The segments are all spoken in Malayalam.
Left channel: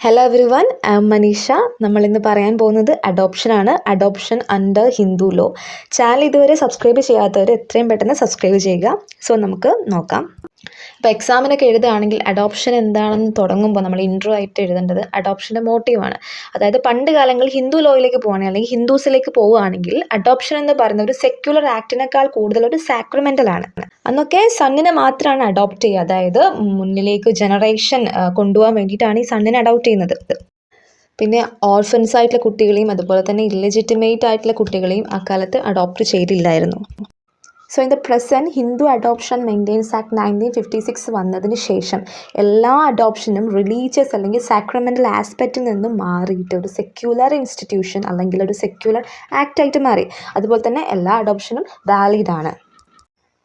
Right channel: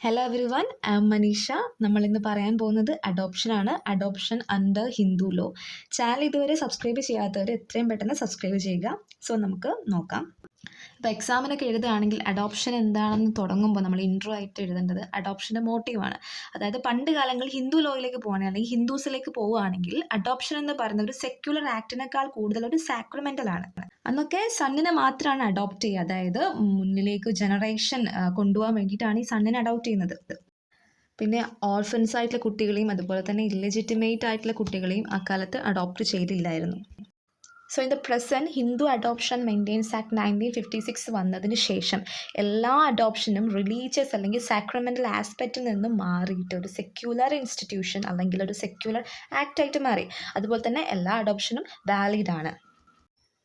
Hello everyone, I am Manisha. നമ്മളിന്ന് പറയാൻ പോകുന്നത് അഡോപ്ഷനാണ്. Adoption under Hindu law. Channel ഇതുവരെ സബ്സ്ക്രൈബ് ചെയ്യാത്തവർ എത്രയും പെട്ടെന്ന് സബ്സ്ക്രൈബ് ചെയ്യുക. സോ നമുക്ക് നോക്കാം. ഇപ്പോൾ എക്സാമിനൊക്കെ എഴുതുകയാണെങ്കിൽ അഡോപ്ഷൻ എന്താണെന്ന് തുടങ്ങുമ്പോൾ നമ്മൾ ഇൻട്രോ ആയിട്ട് എഴുതേണ്ടത് അഡോപ്ഷൻ്റെ മോട്ടീവാണ്. അതായത് പണ്ട് കാലങ്ങളിൽ ഹിന്ദു ലോയിലേക്ക് പോവുകയാണെങ്കിൽ അല്ലെങ്കിൽ ഹിന്ദുസിലേക്ക് പോവുകയാണെങ്കിൽ അഡോപ്ഷൻ എന്ന് പറയുന്ന ഒരു സെക്യുലർ ആക്ടിനേക്കാൾ കൂടുതൽ ഒരു സാക്രമെൻ്റൽ ആണ്. അന്നൊക്കെ സണ്ണിനെ മാത്രമാണ് അഡോപ്റ്റ് ചെയ്യുക. അതായത് മുന്നിലേക്ക് ജനറേഷൻ കൊണ്ടുപോകാൻ വേണ്ടിയിട്ടാണ് ഈ സണ്ണിനെ അഡോപ്റ്റ് ചെയ്യുന്നത്. പിന്നെ ഓർഫൻസ് ആയിട്ടുള്ള കുട്ടികളെയും അതുപോലെ തന്നെ ഇല്ലെജിറ്റിമേറ്റ് ആയിട്ടുള്ള കുട്ടികളെയും അക്കാലത്ത് അഡോപ്റ്റ് ചെയ്തില്ലായിരുന്നു. So in the present Hindu adoption maintenance act 1956 വന്നതിന് ശേഷം എല്ലാ അഡോപ്ഷനും റിലീജിയസ് അല്ലെങ്കിൽ സാക്രമെൻ്റൽ ആസ്പെക്റ്റിൽ നിന്നും മാറിയിട്ട് ഒരു സെക്യുലർ ഇൻസ്റ്റിറ്റ്യൂഷൻ അല്ലെങ്കിൽ ഒരു സെക്യുലർ ആക്റ്റായിട്ട് മാറി. അതുപോലെ തന്നെ എല്ലാ അഡോപ്ഷനും വാലിഡ് ആണ്.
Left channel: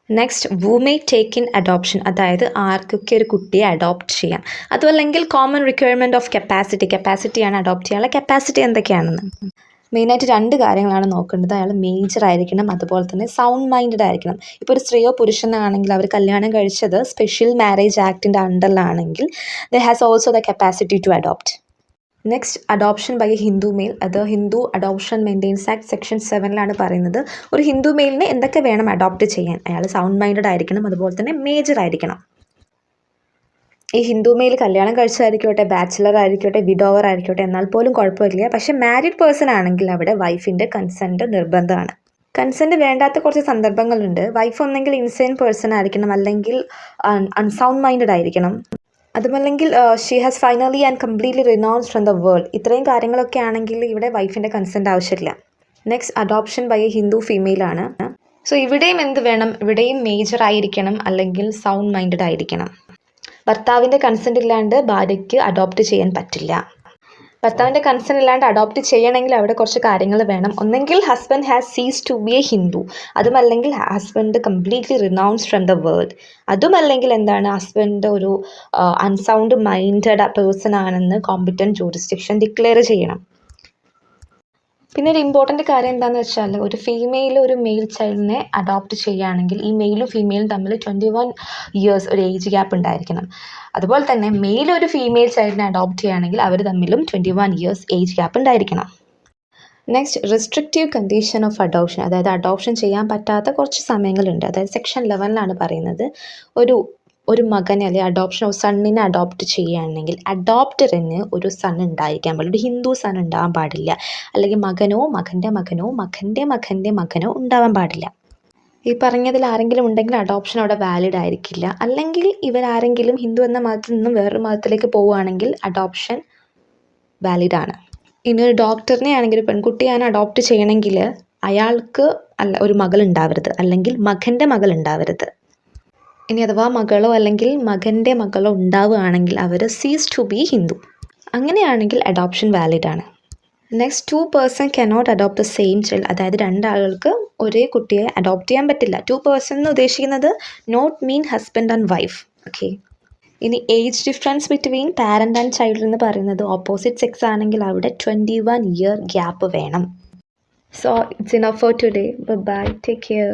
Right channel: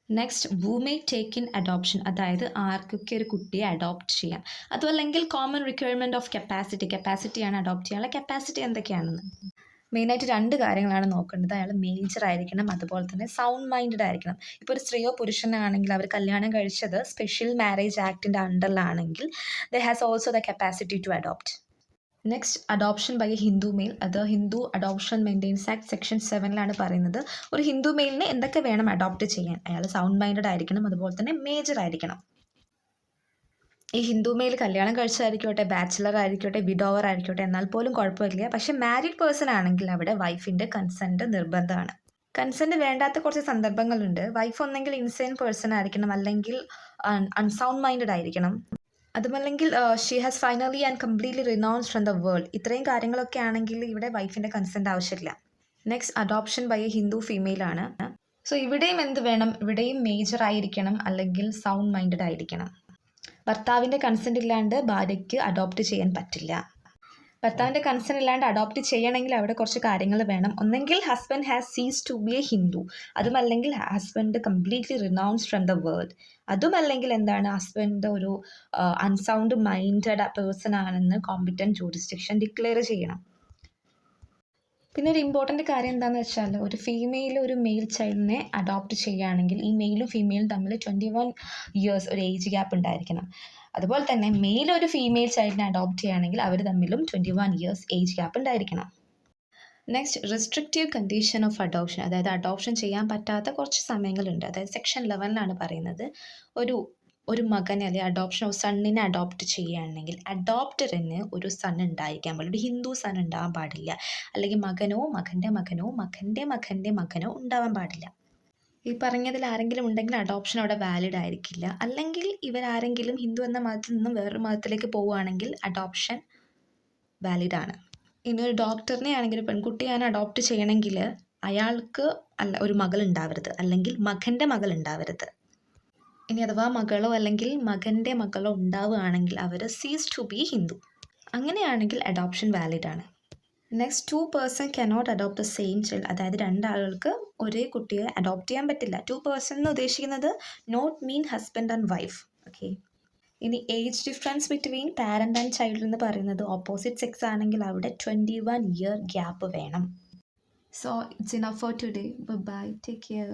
Next, woo may take in adoption, അതായത് ആർക്കൊക്കെ ഒരു കുട്ടിയെ അഡോപ്റ്റ് ചെയ്യാം. അതുമല്ലെങ്കിൽ കോമൺ റിക്വയർമെൻറ്റ് ഓഫ് കപ്പാസിറ്റിയാണ് അഡോപ്റ്റ് ചെയ്യാനുള്ള കപ്പാസിറ്റി എന്തൊക്കെയാണെന്ന്. മെയിനായിട്ട് 2 കാര്യങ്ങളാണ് നോക്കേണ്ടത്. അയാൾ മേജർ ആയിരിക്കണം, അതുപോലെ തന്നെ സൗണ്ട് മൈൻഡഡ് ആയിരിക്കണം. ഇപ്പോൾ ഒരു സ്ത്രീയോ പുരുഷനാണെങ്കിൽ അവർ കല്യാണം കഴിച്ചത് സ്പെഷ്യൽ മാരേജ് ആക്ടിൻ്റെ അണ്ടറിലാണെങ്കിൽ the has also the capacity to adopt. Next, adoption by a Hindu male. അത് Hindu adoption maintenance act section 7 പറയുന്നത് ഒരു ഹിന്ദു മെയിലിനെ എന്തൊക്കെ വേണം അഡോപ്റ്റ് ചെയ്യാൻ. അയാൾ സൗണ്ട് മൈൻഡഡ് ആയിരിക്കണം, അതുപോലെ തന്നെ മേജർ ആയിരിക്കണം. ഈ ഹിന്ദു മെയിൽ കല്യാണം കഴിച്ചതായിരിക്കട്ടെ, ബാച്ചിലർ ആയിരിക്കട്ടെ, വിഡോവർ ആയിരിക്കട്ടെ, എന്നാൽ പോലും കുഴപ്പമില്ല. പക്ഷേ മാരീഡ് പേഴ്സൺ ആണെങ്കിൽ അവിടെ വൈഫിൻ്റെ കൺസെൻറ്റ് നിർബന്ധമാണ്. കൺസെൻറ്റ് വേണ്ടാത്ത കുറച്ച് സന്ദർഭങ്ങളുണ്ട്. വൈഫ് ഒന്നെങ്കിൽ ഇൻസെയിൻ പേഴ്സൺ ആയിരിക്കണം, അല്ലെങ്കിൽ അൺസൗണ്ട് മൈൻഡഡ് ആയിരിക്കണം, അതുമല്ലെങ്കിൽ she has finally and completely renounced from the world. ഇത്രയും കാര്യങ്ങളൊക്കെ ആണെങ്കിൽ ഇവിടെ വൈഫിൻ്റെ കൺസെൻറ്റ് ആവശ്യമില്ല. Next, adoption by a Hindu ഫീമെയിലാണ്. സോ ഇവിടെയും എന്ത് വേണം? ഇവിടെയും മേജർ ആയിരിക്കണം, അല്ലെങ്കിൽ സൗണ്ട് മൈൻഡഡ് ആയിരിക്കണം. ഭർത്താവിൻ്റെ കൺസെൻറ്റ് ഇല്ലാണ്ട് ഭാര്യയ്ക്ക് അഡോപ്റ്റ് ചെയ്യാൻ പറ്റില്ല. ഭർത്താവിൻ്റെ കൺസെൻറ്റ് ഇല്ലാണ്ട് അഡോപ്റ്റ് ചെയ്യണമെങ്കിൽ അവിടെ കുറച്ച് കാര്യങ്ങൾ വേണം. ഒന്നെങ്കിൽ husband has cease to B A Hindu, അതുമല്ലെങ്കിൽ husband completely renounced from the world, അതുമല്ലെങ്കിൽ എന്താണ് ഹസ്ബൻഡ് ഒരു അൺസൗണ്ട് മൈൻഡഡ് പേഴ്സൺ ആണെന്ന് കോമ്പിറ്റൻറ്റ് ജൂറിസ്ഡിക്ഷൻ ഡിക്ലെയർ ചെയ്യണം. പിന്നെ ഒരു ഇമ്പോർട്ടൻ്റ് കാര്യം എന്താണെന്ന് വെച്ചാൽ ഒരു ഫീമെയിൽ ഒരു മെയിൽ ചൈൽഡിനെ അഡോപ്റ്റ് ചെയ്യുകയാണെങ്കിൽ ഈ മെയിലും ഫീമെയിലും തമ്മിൽ 21 ഇയേഴ്സ് ഒരു ഏജ് ഗ്യാപ്പ് ഉണ്ടായിരിക്കണം. അതുപോലെ തന്നെ മെയിൽ ഒരു ഫീമെയിൽ ചൈൽഡിനെ അഡോപ്റ്റ് ചെയ്യുകയാണെങ്കിൽ അവർ തമ്മിലും 21 ഇയേഴ്സ് ഏജ് ഗ്യാപ്പ് ഉണ്ടായിരിക്കണം. Next, restrictive condition of adoption, അതായത് അഡോപ്ഷൻ ചെയ്യാൻ പറ്റാത്ത കുറച്ച് സമയങ്ങളുണ്ട്. അതായത് സെക്ഷൻ 11 പറയുന്നത് ഒരു മകനെ അല്ലെങ്കിൽ അഡോപ്ഷൻ സണ്ണിനെ അഡോപ്റ്റ് ചെയ്യുകയാണെങ്കിൽ അഡോപ്റ്ററിന് ഒരു സൺ ഉണ്ടായിരിക്കാൻ പാടില്ല, ഒരു ഹിന്ദു സൺ ഉണ്ടാവാൻ പാടില്ല, അല്ലെങ്കിൽ മകനോ മകൻ്റെ മകനോ മകൻ്റെ മകൻ്റെ മകനോ ഉണ്ടാവാൻ പാടില്ല. ഈ പറഞ്ഞതിൽ ആരെങ്കിലും ഉണ്ടെങ്കിൽ അഡോപ്ഷൻ അവിടെ വാലിഡ് ആയിരിക്കില്ല. അല്ലെങ്കിൽ ഇവരാരെങ്കിലും ഹിന്ദു എന്ന മതത്തിൽ നിന്നും വേറൊരു മതത്തിലേക്ക് പോവുകയാണെങ്കിൽ അഡോപ്ഷൻ വാലിഡ് ആണ്. ഇനി ഒരു ഡോക്ടറിനെ ആണെങ്കിൽ പെൺകുട്ടിയാണ് അഡോപ്റ്റ് ചെയ്യണമെങ്കിൽ അയാൾക്ക് ഒരു മകൾ ഉണ്ടാവരുത്, അല്ലെങ്കിൽ മകൻ്റെ മകൾ ഉണ്ടാവരുത്. ഇനി അഥവാ മകളോ അല്ലെങ്കിൽ മകൻ്റെ മകളോ ഉണ്ടാവുകയാണെങ്കിൽ അവർ സീസ് ടു ബി ഹിന്ദു. അങ്ങനെയാണെങ്കിൽ അഡോപ്ഷൻ വാലിഡ് ആണ്. Next, 2 person cannot adopt the same child, അതായത് 2 ആളുകൾക്ക് ഒരേ കുട്ടിയെ അഡോപ്റ്റ് ചെയ്യാൻ പറ്റില്ല. 2 പേഴ്സൺ എന്ന് ഉദ്ദേശിക്കുന്നത് not mean husband and wife. Okay. ഇനി age difference between parent and child എന്ന് പറയുന്നത് ഓപ്പോസിറ്റ് സെക്സ് ആണെങ്കിൽ അവിടെ 21 ഇയർ ഗ്യാപ്പ് വേണം. So it's enough for today. Bye, take care.